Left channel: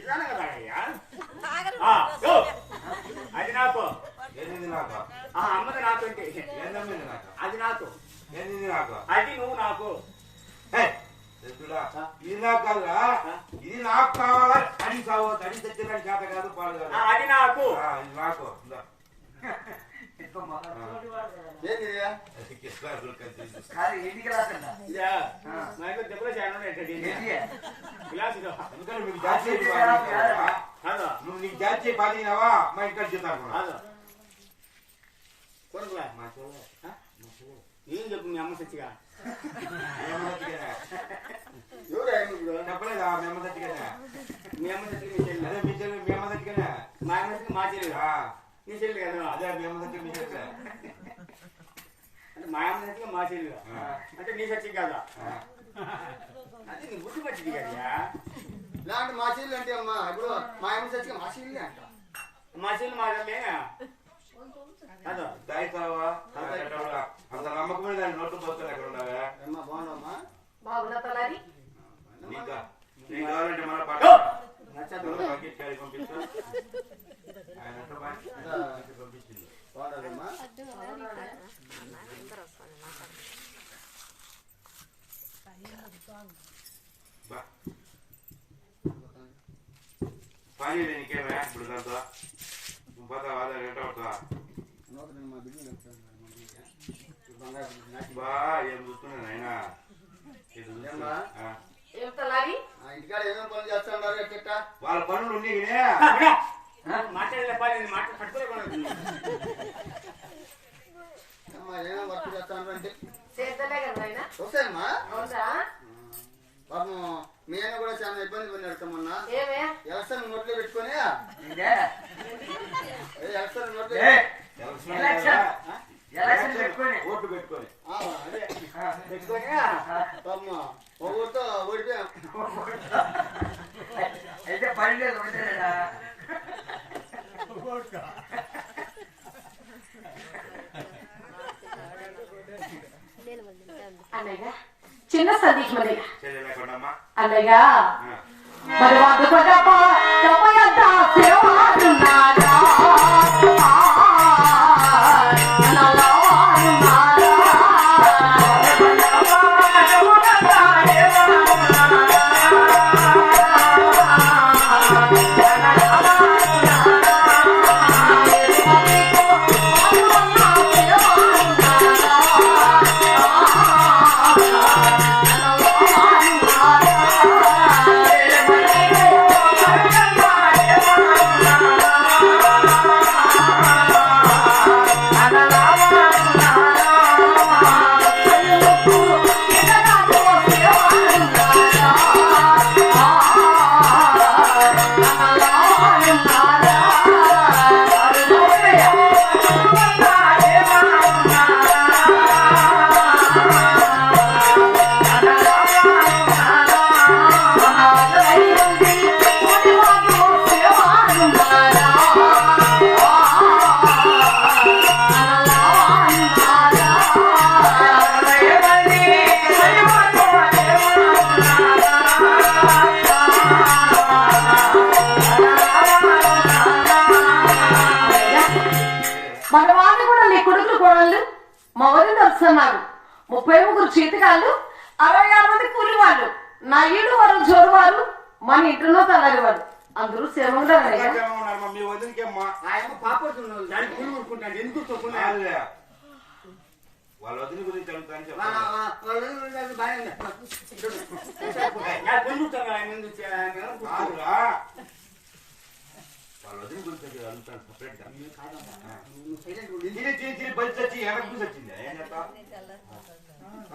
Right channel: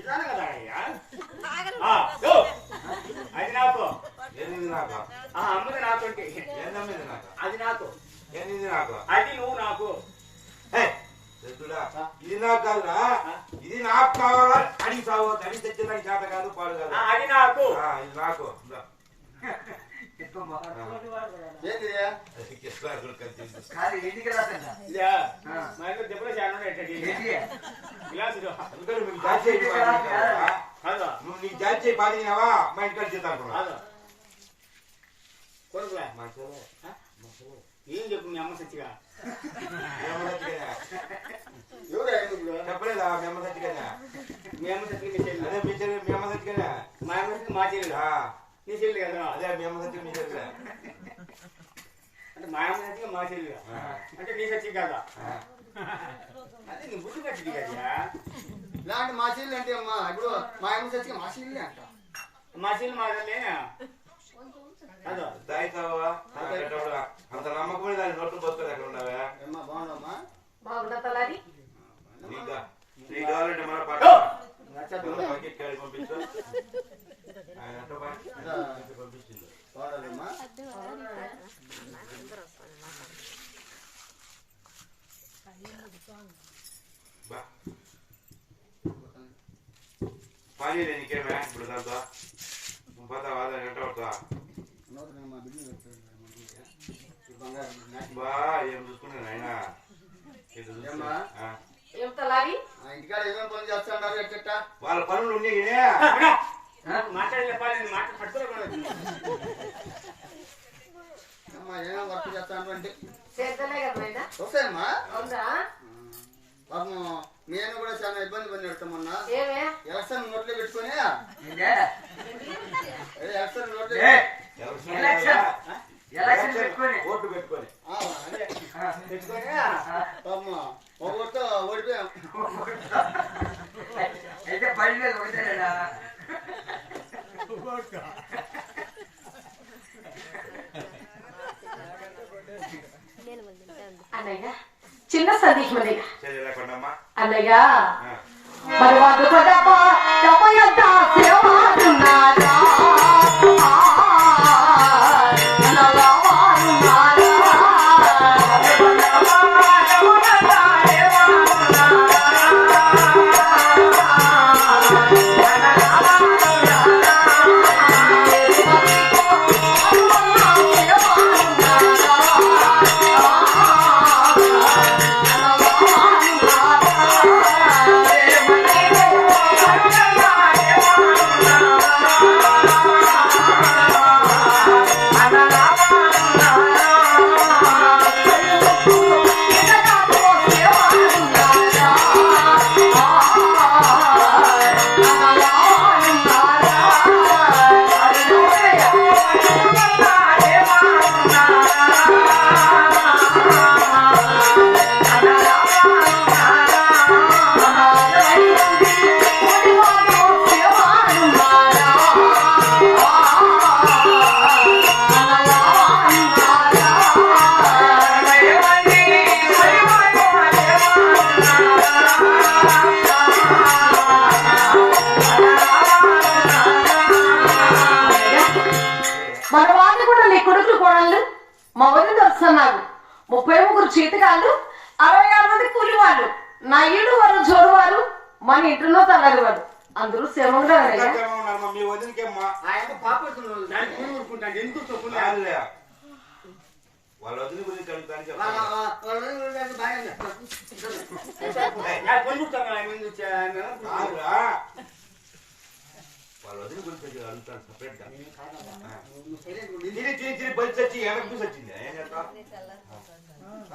చెప్తాను కదా అయ్యా అది నాకు. ఆ అమ్మది నాకు? అది నాకు. అది నువ్వు నాకు. ఇది నాకు కాదురా. ఇది నాకు కావాలా? అని కావద్దు అని తెచ్చిన చేత కాదు పాడు కాదు. అది నాకు. నాకు. నువ్వు జాతి మా ఇంట్లో చేద్దాం ఏం చెప్పు మీ అమ్మ సచ్చిగా చెప్పలేదా మీ అమ్మ సచ్చిగా మీ అమ్మ సచ్చిగా మీ చెల్లి మీ చెల్లి మీ అమ్మ మా అమ్మ మా చెల్లి నీ చెల్లి కదా అదే మీ అమ్మ సచ్చి మీ చెల్లి అంటే మా అమ్మ సచ్చి మా చెల్లి అంటే నీ సచ్చి కాదా? అదే నీ బుద్ధి కట్టింది కదా? ఇలాంటి మా చెల్లి అంటే అమ్మా ఇప్పుడు మా అమ్మ సచ్చి మా చెల్లి అంట. మా చెల్లి మా కాదు దాయితావా పోతా వాళ్ళ నెట్ట పడతావా మా బిడ్డ బా ఏం చూస్తున్నాను ఆయన ఇంటికాడ ఏమేమి పనులు చేస్తా ఉన్నారు ఎట్ట వాళ్ళ పనులు ఉన్నాయి మాట్లాడలే మాట పట్టుకోలేదు ఏమేమి వర్క్ అంటే వస్తాయమ్మా పాపం నేను కూడా చాలా ఇబ్బంది పడి పెడతామన్నా ఏమే? ఎలక్షన్ నోట్లో పెట్టుకొని? ఎలక్షన్ నోట్లో ఎలక్షన్. పెట్టుకొని. ఓటు పెట్టుకొని. ఓడిపోయాం. అన్నయ్య చిన్న సతీష్ మనయ్య అన్నయ్య. మరి వంద కూడా వాళ్ళు కూడా నీ కొడుకులు కోడళ్ళు? మగలు వస్తున్నారు ముప్పై ముగ్గురు చీతకాళ్ళు అరవై ఆరు మంది కూలి వాళ్ళు నా ఇల్లు వారు జోరు వారు మన ఇంటిలో తలాలి వారు అందరూ తొక్కున్నా వాళ్ళే. వదిన గురించి అడుగుతాను. వాళ్ళ వదిన గురించి అడుగుతాను సపరేట్ గా తిరిగి తిరిగి తిరిగి బలి చచ్చి వెనక్కి చూసి వచ్చింది ఏం చేస్తా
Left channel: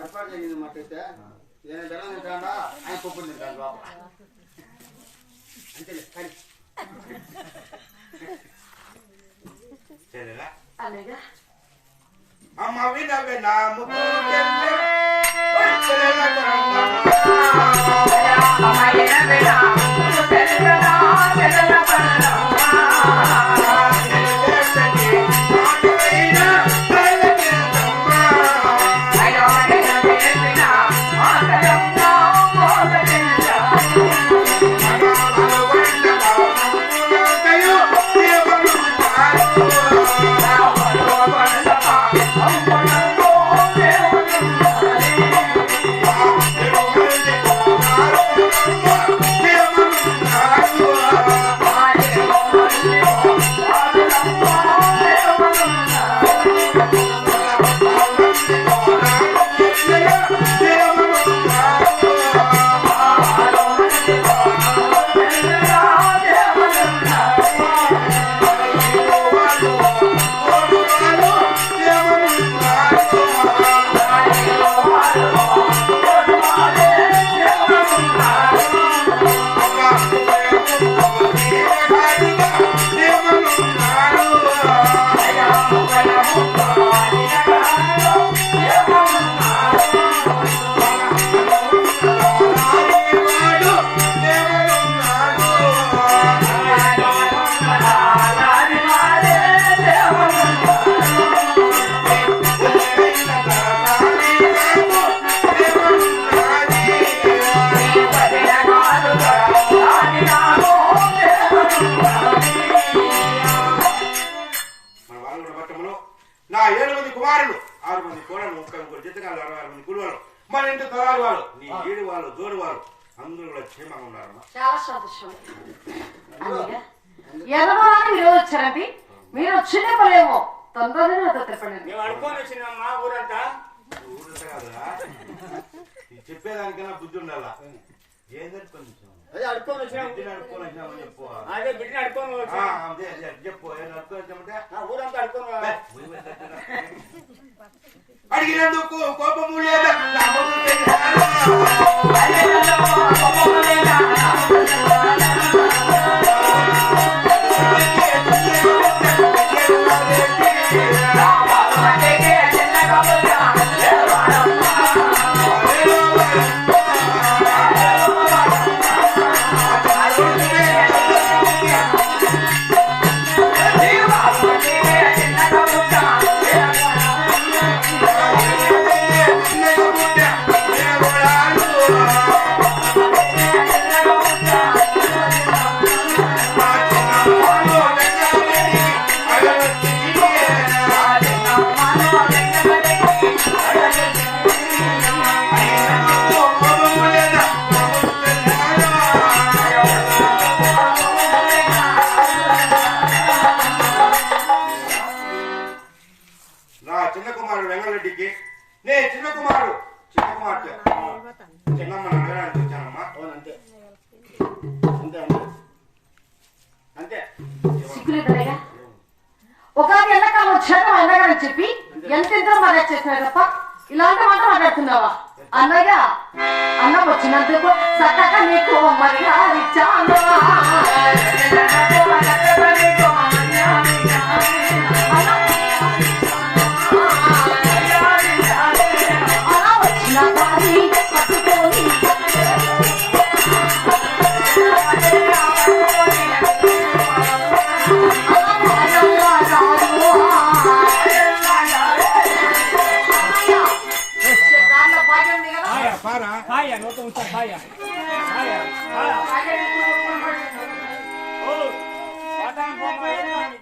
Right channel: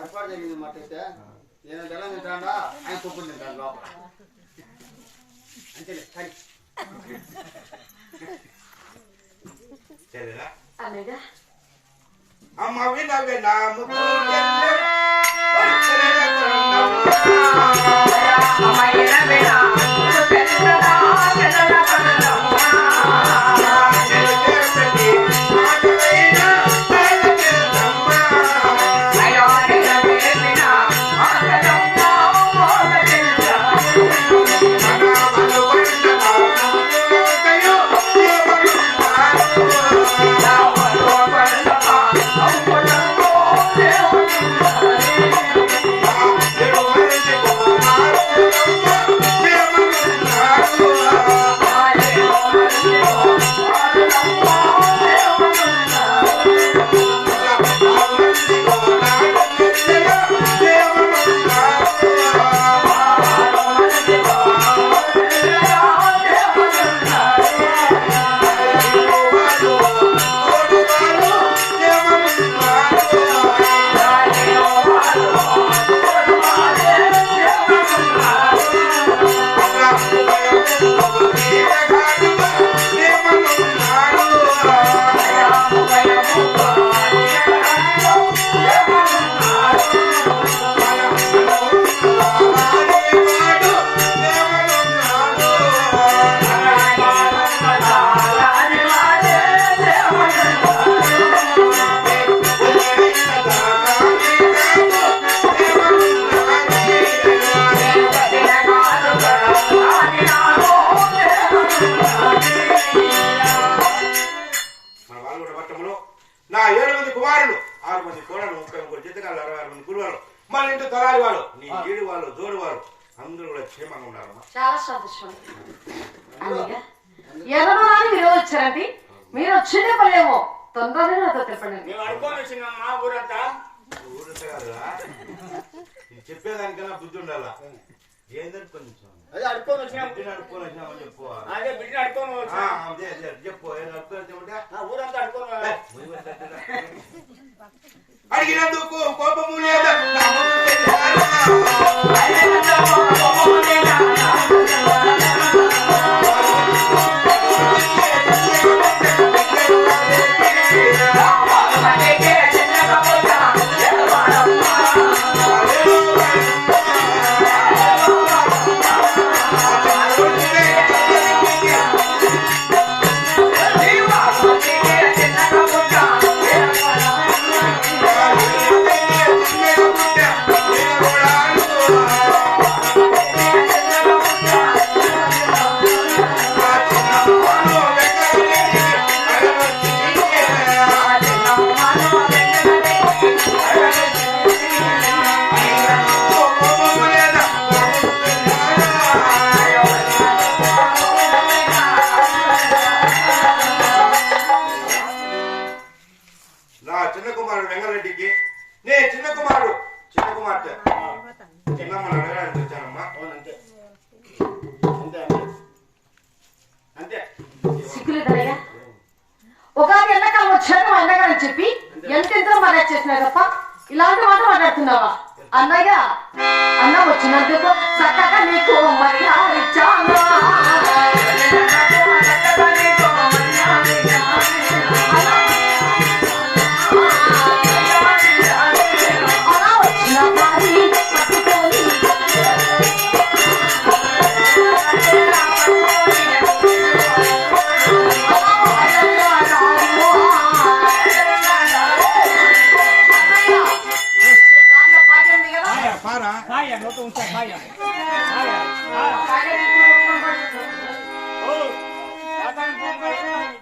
ఏర్పాటు జరిగింది మాట అయితే నేను జనం తింటాడా ఆయన పప్పు తింటాడు లోపల అంతేలే కానీ సరేనా అలాగా అమ్మ వినవే నా కార్యక్రమంలో నా ఏడు మంది కుమారులు ఆరు మంది కోడలు ఒక్క ముగ్గురు జితకాలు అరవై ఆరు మంది కులువారు మన ఇంటి తలారి వాళ్ళు నీ ఏడు వాళ్ళు జోడు వాళ్ళు అందరూ క్షేమంగా ఉన్నారు చాలా సంతోషం. ఎదవరాని మీరు వచ్చారండి మీరు వచ్చిండే పలేమో తొందరలోనే అనుకోని ఊరంతా. ఊరు చెప్పేదానికైనా బుద్ధి ఉండాలా? అదే అడుక్కొని అదే బిడ్డని అడుక్కొని చెప్పు ఊరంతా అడుక్కొని అడిగినందుకు కోపము లేదా మాట్లాడుతున్నావా అన్నయ్య అన్న వచ్చినందుకు చక్కగా నీకు మర్యాద ఇచ్చాను 再慢一点慢一点慢一点慢一点慢一